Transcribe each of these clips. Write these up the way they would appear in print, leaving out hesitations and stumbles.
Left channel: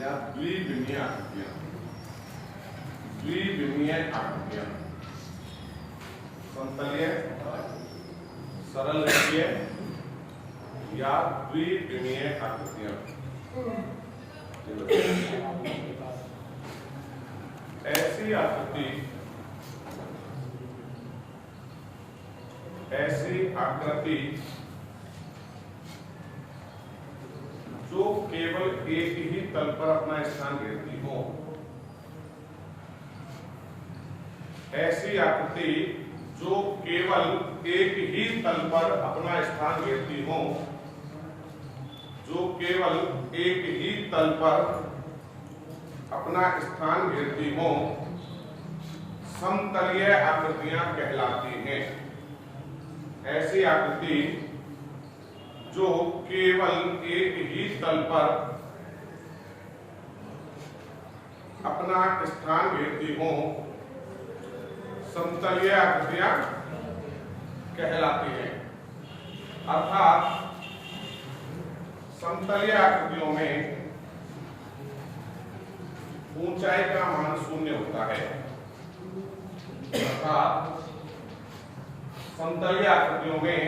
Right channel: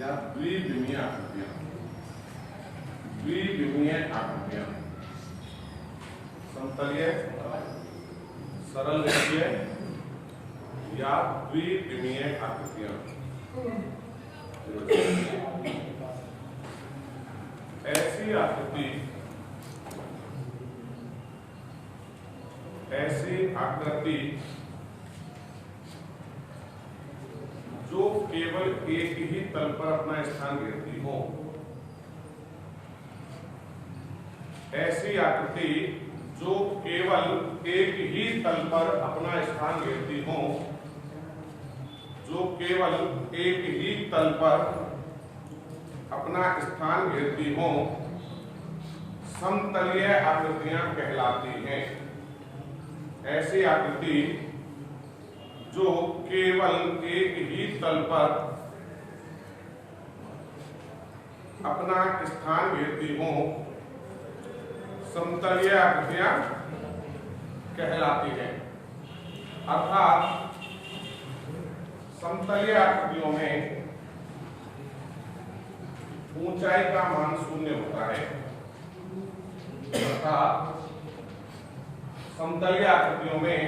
या द्विविमीय आकृतियां, द्विविमीय आकृतियां, समतलीय, सरल रेखीय या द्विविमीय आकृतियां। ऐसी आकृति जो केवल एक ही तल पर अपना स्थान घेरती हो, ऐसी आकृति जो केवल एक ही तल पर अपना स्थान घेरती हो, जो केवल एक ही तल पर अपना स्थान घेरती हो, समतलीय आकृतियां कहलाती हैं। ऐसी आकृति जो केवल एक ही तल पर अपना स्थान घेरती हो, समतलीय आकृतियां कहलाती हैं। अर्थात समतलीय आकृतियों में ऊंचाई का मान शून्य होता है। अर्थात समतलीय आकृतियों में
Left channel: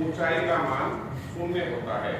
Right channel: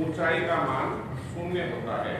ऊंचाई का मान शून्य होता है।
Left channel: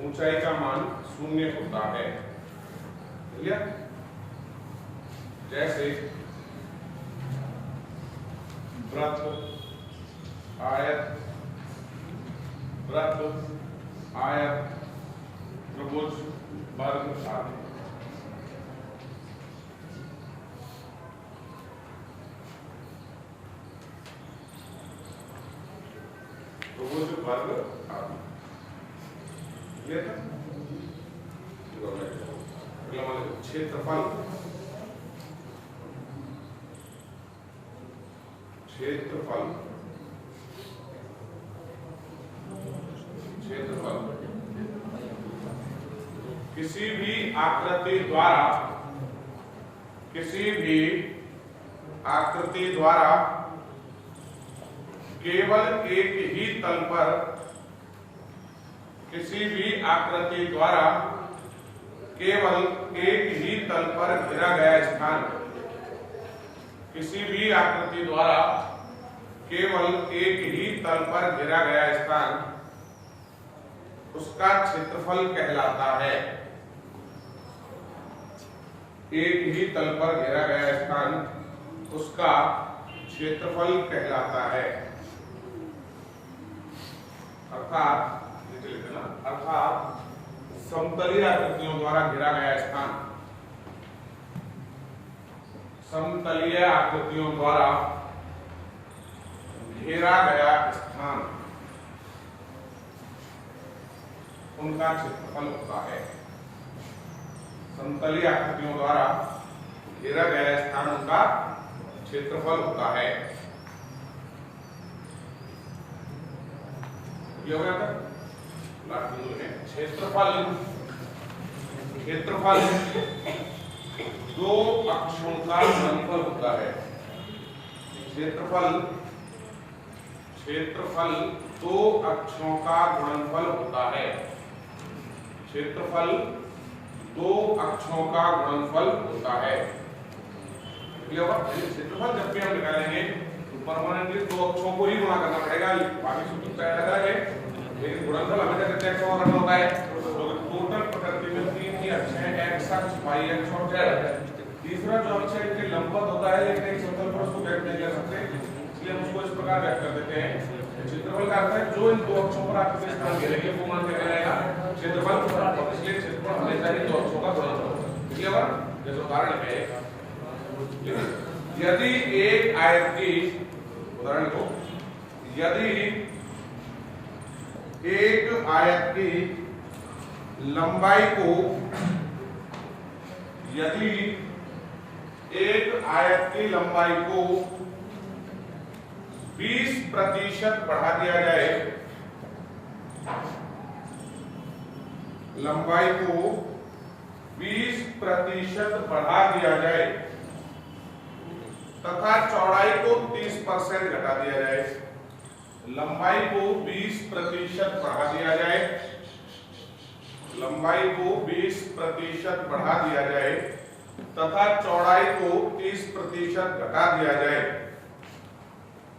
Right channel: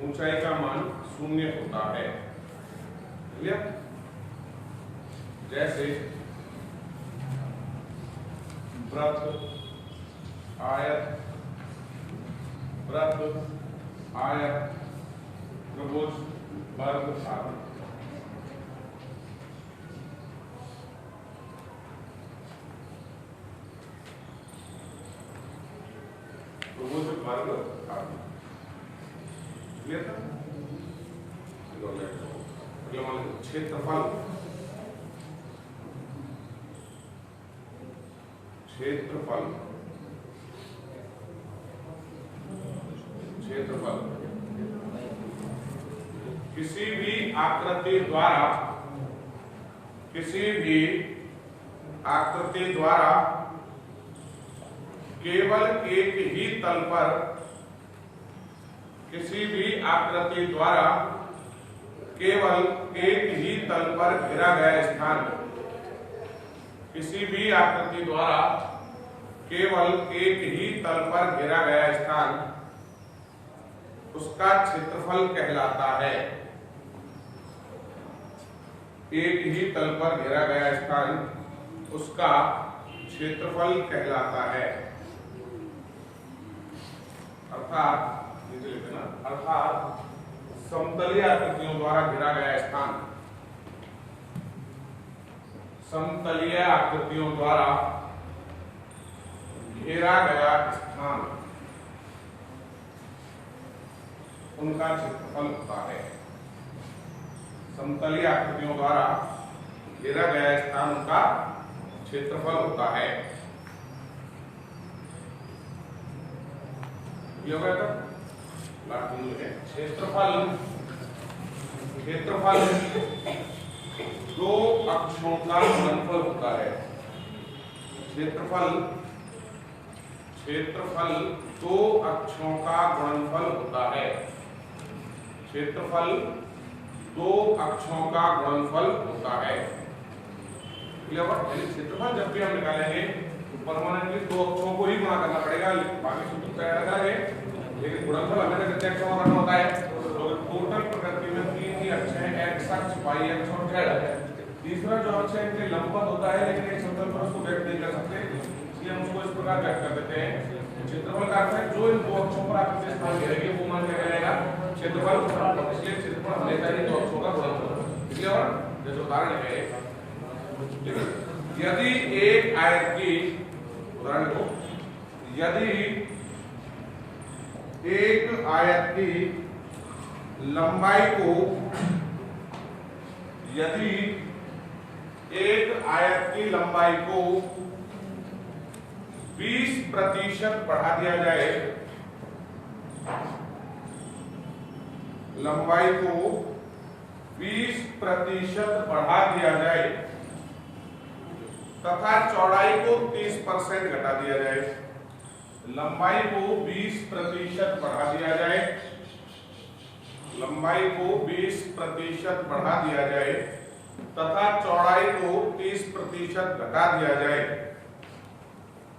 ऊंचाई का मान शून्य होता है। क्लियर? जैसे वृत्त, आयत, त्रिभुज, वर्ग आदि। त्रिभुज, वर्ग आदि। क्लियर था? क्षेत्रफल, क्षेत्रफल, क्षेत्रफल किसी भी आकृति द्वारा, किसी भी आकृति द्वारा केवल एक ही तल पर, किसी भी आकृति द्वारा केवल एक ही तल पर घेरा गया स्थान, किसी भी आकृति द्वारा केवल एक ही तल पर घेरा गया स्थान उसका क्षेत्रफल कहलाता है। एक ही तल पर घेरा गया स्थान उसका क्षेत्रफल कहलाता है। अर्थात समतलीय आकृतियों द्वारा घेरा गया स्थान, समतलीय आकृतियों द्वारा घेरा गया स्थान उनका क्षेत्रफल होता है। समतलीय आकृतियों द्वारा घेरा गया स्थान उनका क्षेत्रफल होता है। क्षेत्रफल, क्षेत्रफल दो अक्षों का गुणनफल होता है। क्षेत्रफल, क्षेत्रफल दो अक्षों का गुणनफल होता है। क्षेत्रफल दो अक्षों का गुणनफल होता है। क्षेत्रफल जब भी हम निकालेंगे तो परमानेंटली दो अक्षों को ही गुणा करना पड़ेगा, बाकी सूत्र अलग अलग है, लेकिन गुणनफल हमेशा कितने अक्षों का होता है? तो टोटल प्रकृति में तीन ही अक्ष हैं, एक्स अक्ष, वाई अक्ष और जेड अक्ष। तीसरा जो अक्ष है इनके लंबवत होता है, लेकिन एक समतल पर उसको व्यक्त नहीं कर सकते, इसलिए हम उसको इस प्रकार व्यक्त कर देते हैं। क्षेत्रफल का अर्थ है जो इन दो अक्षों पर आपके स्थान घेरेंगे वो मान क्या कहलाएगा? क्षेत्रफल। इसलिए क्षेत्रफल हमेशा इन दो अक्षों का गुणनफल होता है। क्लियर? जैसे उदाहरण है, यदि एक आयत की, उदाहरण दो, यदि एक आयत की लंबाई को, यदि एक आयत की लंबाई को 20% बढ़ा दिया जाए, लंबाई को 20% बढ़ा दिया जाए तथा चौड़ाई को 30% घटा दिया जाए, लंबाई को 20% बढ़ा दिया जाए, लंबाई को 20% बढ़ा दिया जाए तथा चौड़ाई को 30% घटा दिया जाए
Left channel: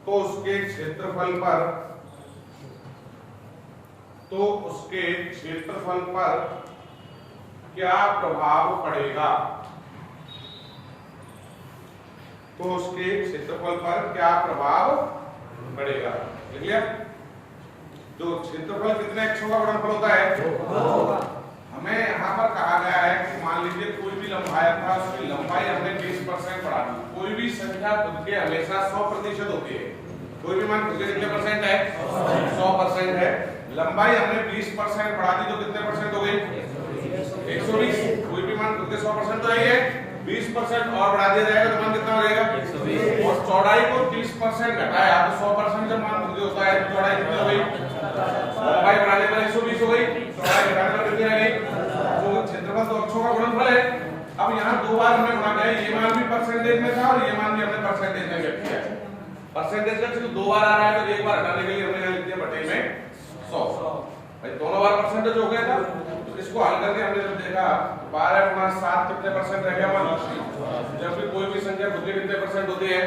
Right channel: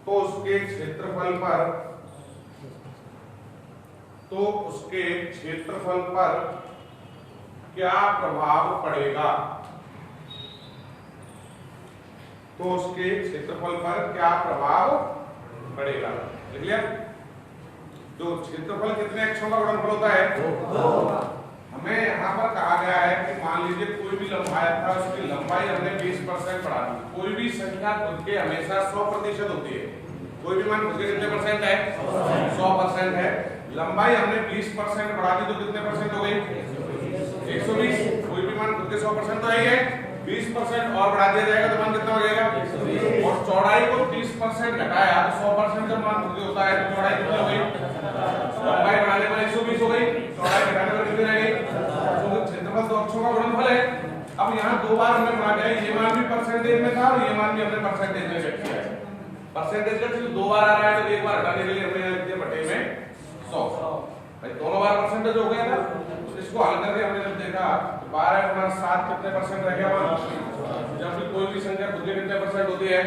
तो उसके क्षेत्रफल पर क्या प्रभाव पड़ेगा, तो उसके क्षेत्रफल पर क्या प्रभाव पड़ेगा। देख लिया, जो क्षेत्रफल कितने अक्षों का गुणनफल होता है, हमें यहाँ पर कहा गया है कि मान लीजिए कोई भी लंबाई था, उसकी लंबाई हमने 20% बढ़ा दी। कोई भी संख्या खुद के हमेशा 100% होती है, कोई भी मान खुद के कितने परसेंट है, 100% है। लंबाई हमने 20% बढ़ा दी तो कितने परसेंट हो गई, 120। कोई भी मान खुद के 100% तो है, 20% और बढ़ा दिया जाएगा तो मान कितना हो जाएगा। और चौड़ाई को 30% घटाया तो 100% जब मान खुद होता है तो चौड़ाई कितनी हो गई, लंबाई बढ़ाने पर 120 हो गई, चौड़ाई घटाने पर कितनी रह गई। तो क्षेत्रफल तो अक्षों का गुणनफल है। अब यहाँ दो बार हमने बना दिया, ये मान भी परसेंटेज में था और ये मान भी हमने परसेंटेज में लिख दिया है। परसेंटेज का तो दो बार आ रहा है तो एक बार हटाने के लिए हमने यहाँ लिख दिया बटे में 100। भाई दोनों बार परसेंटेज हो गया था, तो इसको हल करके हमने जब देखा 12 गुणा 7 कितने परसेंट रह गया। जब भी कोई भी संख्या खुद के कितने परसेंट होती है,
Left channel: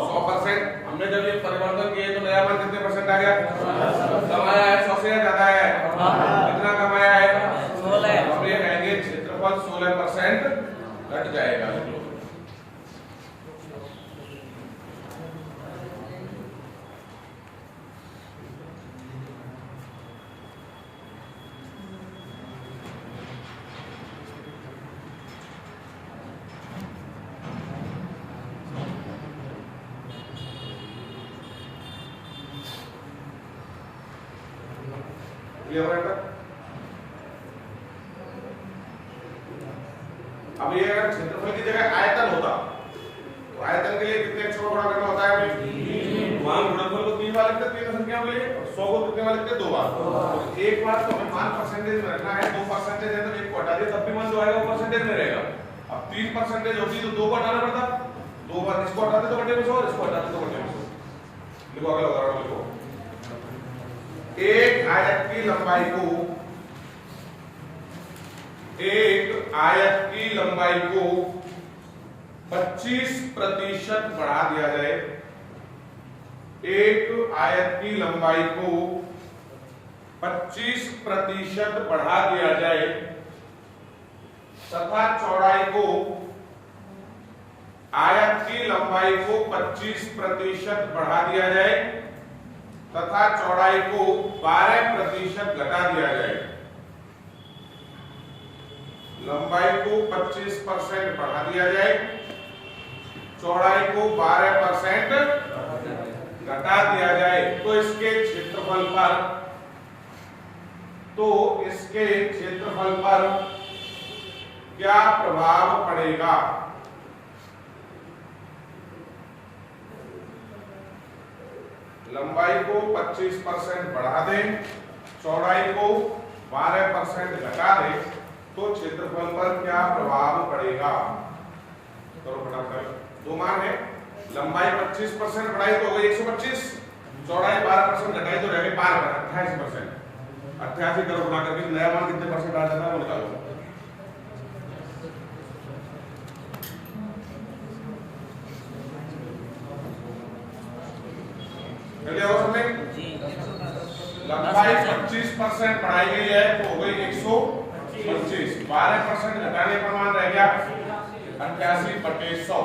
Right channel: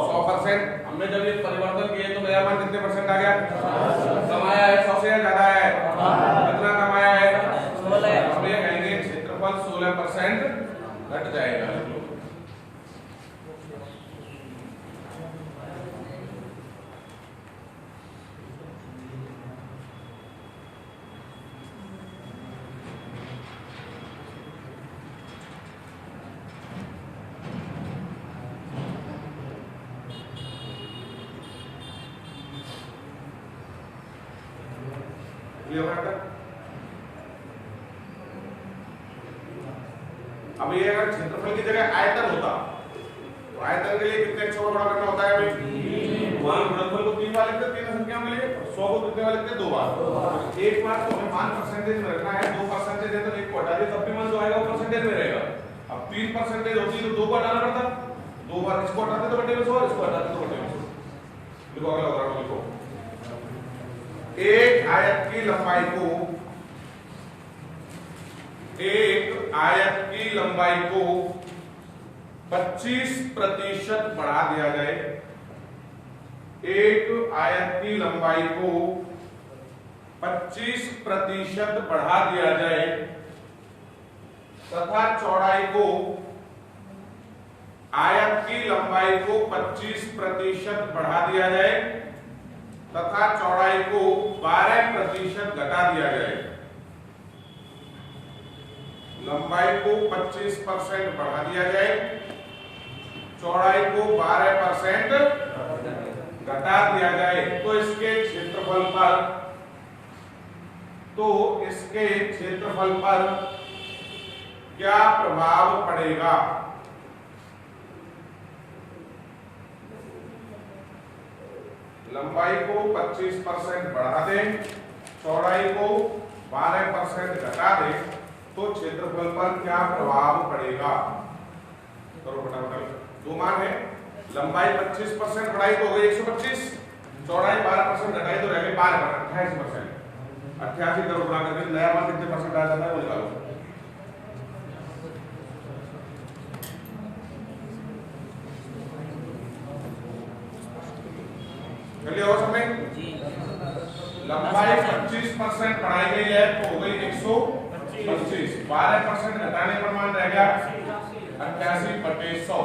100%। हमने जब ये परिवर्तन किए तो नया मान कितने परसेंट आ गया, कम आया है, 100 से ज्यादा आया है, कितना कम आया है, हम ये कहेंगे क्षेत्रफल 16% घट जाएगा। अब ये क्षेत्रफल की जगह आयतन होता तो आयतन के लिए कितने अक्षरों का गुणा करना होता है। मान गुणनफल को 3 बार लिखते, तीन संख्या में लिए 100 को कितने बार लिखते, 2 बार। तो एक बार तो हमें मान परसेंटेज में रखना है, 2% है तो एक को हटा दिया तब भी मान जो आएगा वो परसेंटेज में रहेगा। अब 3% होती तो 2 को हटाना पड़ता, 2 बार इसको हटाते तो बटे में 100, इसको हटाते तो बटे में 100। देखो अगला उदाहरण देखो, एक आयत की लंबाई को 25% बढ़ा दिया जाए, एक आयत की लंबाई को 25% बढ़ा दिया जाए तथा चौड़ाई को आयत की लंबाई को 25% बढ़ा दिया जाए तथा चौड़ाई को 12% घटा दिया जाए। लंबाई को 25% बढ़ा दिया जाए, चौड़ाई को 12% घटा दिया जाए तो इसके क्षेत्रफल पर क्या प्रभाव पड़ेगा। लंबाई को 25% बढ़ा दें, चौड़ाई को 12% घटा दें तो क्षेत्रफल पर क्या प्रभाव पड़ेगा। करो फटाफट, दो मान है, लंबाई 25% बढ़ाई तो हो गई 125, चौड़ाई 12% घटाई तो रह गई 88%। 88 करो गुणा करके नया मान कितने परसेंट आ जाता है वो निकालो। लंबाई 25% बढ़ाई गई है तो हो गई 125, 12% घटाने पर मान रह गया 88/100।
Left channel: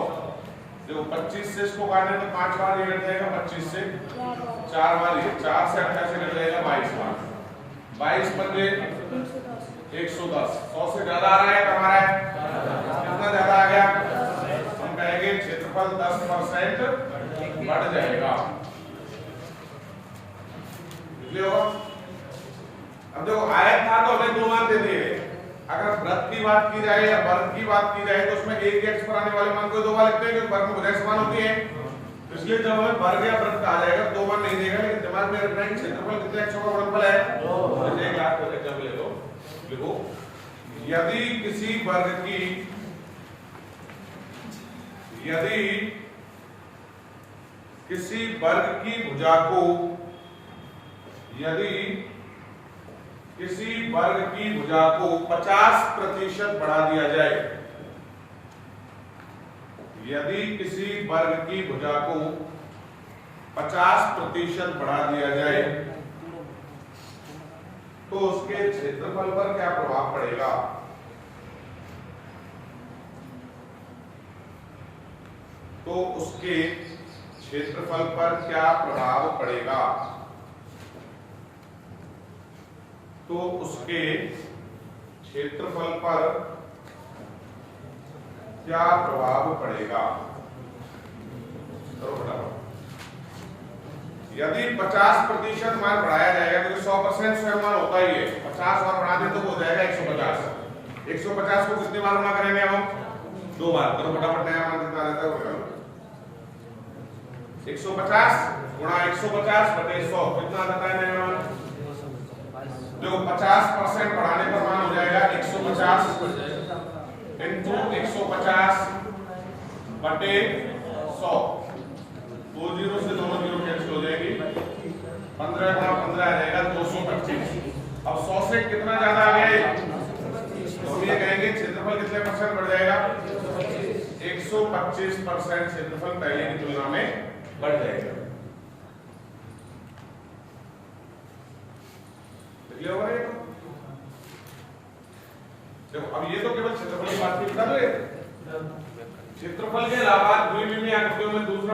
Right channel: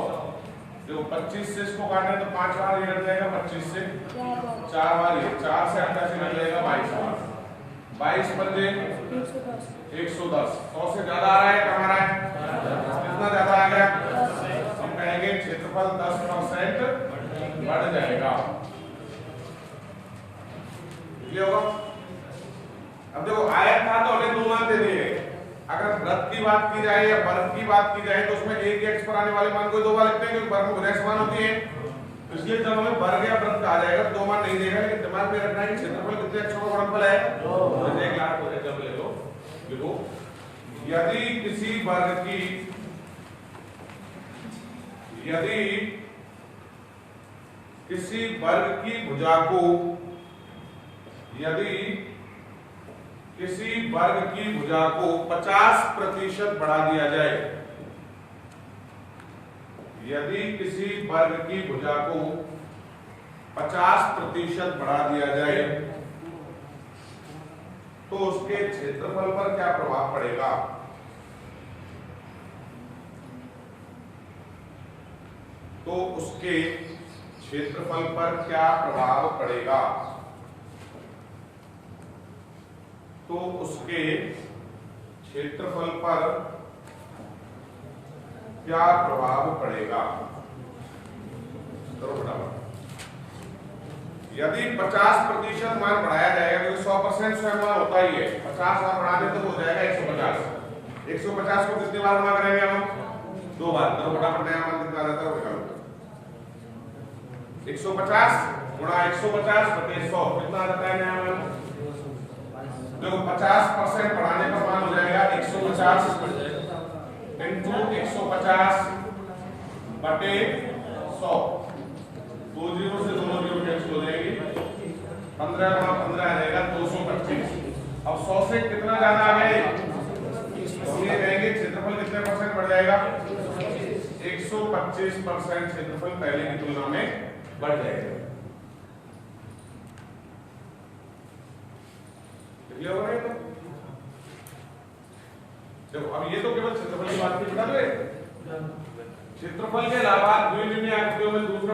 देखो 25 से इसको काटने तो 5 बार ये कट जाएगा, 25 से 4 बार ये, 4 से 88 कट जाएगा 22 बार, 22 पंजे 110। 100 से ज्यादा आ रहा है, कम आ रहा है, कितना ज्यादा आ गया, हम कहेंगे क्षेत्रफल 10% बढ़ जाएगा। ये होगा। अब देखो आयत था तो हमें 2 मान दे दिए, अगर वृत्त की बात की जाए या वर्ग की बात की जाए तो उसमें एक एक्स पर आने वाले मान को 2 बार लिखते हैं क्योंकि वर्ग में भुजाएं समान होती है। तो इसलिए जब हमें वर्ग या वृत्त आ जाएगा 2 मान नहीं देगा, लेकिन दिमाग में रखना है क्षेत्रफल कितने अक्षरों का गुणनफल है, 2। एक लाख को एग्जांपल ले लो, देखो यदि किसी वर्ग की भुजा को यदि किसी वर्ग की भुजा को 50% बढ़ा दिया जाए, यदि किसी वर्ग की भुजा को 50% बढ़ा दिया जाए तो उसके क्षेत्रफल पर क्या प्रभाव पड़ेगा? तो उसके क्षेत्रफल पर क्या प्रभाव पड़ेगा? तो उसके क्षेत्रफल पर क्या प्रभाव पड़ेगा? करो फटाफट। यदि 50% मान बढ़ाया जाएगा, क्योंकि 100% स्वयं मान होता ही है, 50 और बढ़ा दे तो हो जाएगा 150। 150 को कितनी बार गुणा करेंगे हम? 2 बार। करो फटाफट, नया मान कितना आता है वो निकालो। 150 गुणा 150 बटे 100 कितना आता है नया मान? देखो 50% बढ़ाने पर मान हो जाएगा 150 इंटू 150 बटे 100। 2 जीरो से दोनों जीरो कैंसिल हो जाएंगे। 15 गुणा 15 आ जाएगा 225। अब 100 से कितना ज्यादा आ गया? तो हम ये कहेंगे क्षेत्रफल कितने परसेंट बढ़ जाएगा? 125% क्षेत्रफल पहले की तुलना में बढ़ जाएगा। अब ये तो केवल क्षेत्रफल की बात की बता दो। क्षेत्रफल के अलावा द्विविमीय आकृतियों में दूसरा